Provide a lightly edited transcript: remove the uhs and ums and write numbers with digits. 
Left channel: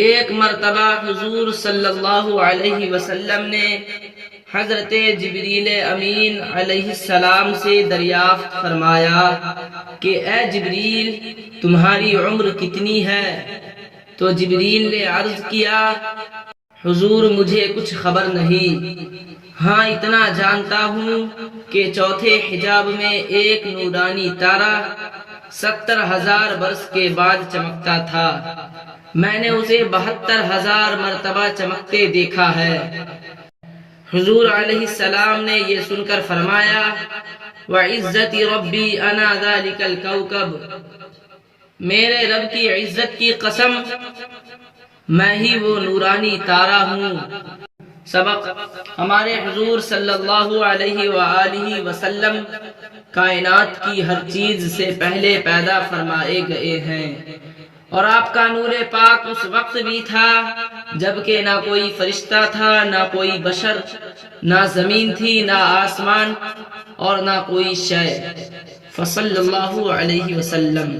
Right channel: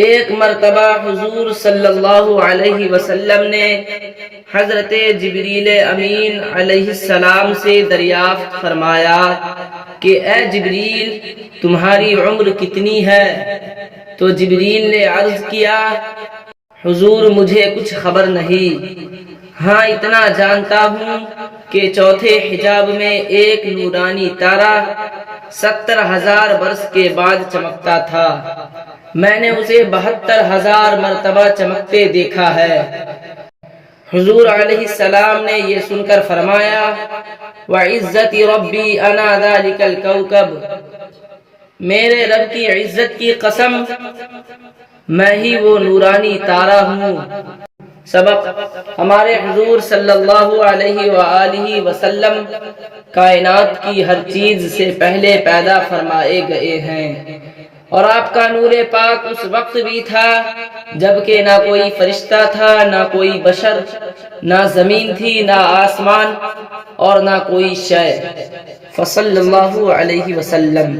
ایک مرتبہ حضور صلی اللہ علیہ وسلم نے حضرت جبریل امین علیہ السلام سے دریافت فرمایا کہ اے جبریل، تمہاری عمر کتنی ہے؟ تو جبریل نے عرض کیا، حضور مجھے کچھ خبر نہیں، ہاں اتنا جانتا ہوں کہ چوتھے حجاب میں ایک نورانی تارا 70,000 برس کے بعد چمکتا تھا، میں نے اسے 72,000 مرتبہ چمکتے دیکھا ہے۔ حضور علیہ السلام نے یہ سن کر فرمایا، وَعِزَّتِ رَبِّي أَنَا ذَلِكَ الْكَوْكَبُ، میرے رب کی عزت کی قسم، میں ہی وہ نورانی تارا ہوں۔ سبق: ہمارے حضور صلی اللہ علیہ وآلہ وسلم کائنات کی ہر چیز سے پہلے پیدا فرمائے گئے ہیں، اور آپ کا نور پاک اس وقت بھی تھا جبکہ نہ کوئی فرشتہ تھا، نہ کوئی بشر، نہ زمین تھی، نہ آسمان، اور نہ کوئی شے۔ فصلی اللہ علیہ وسلم۔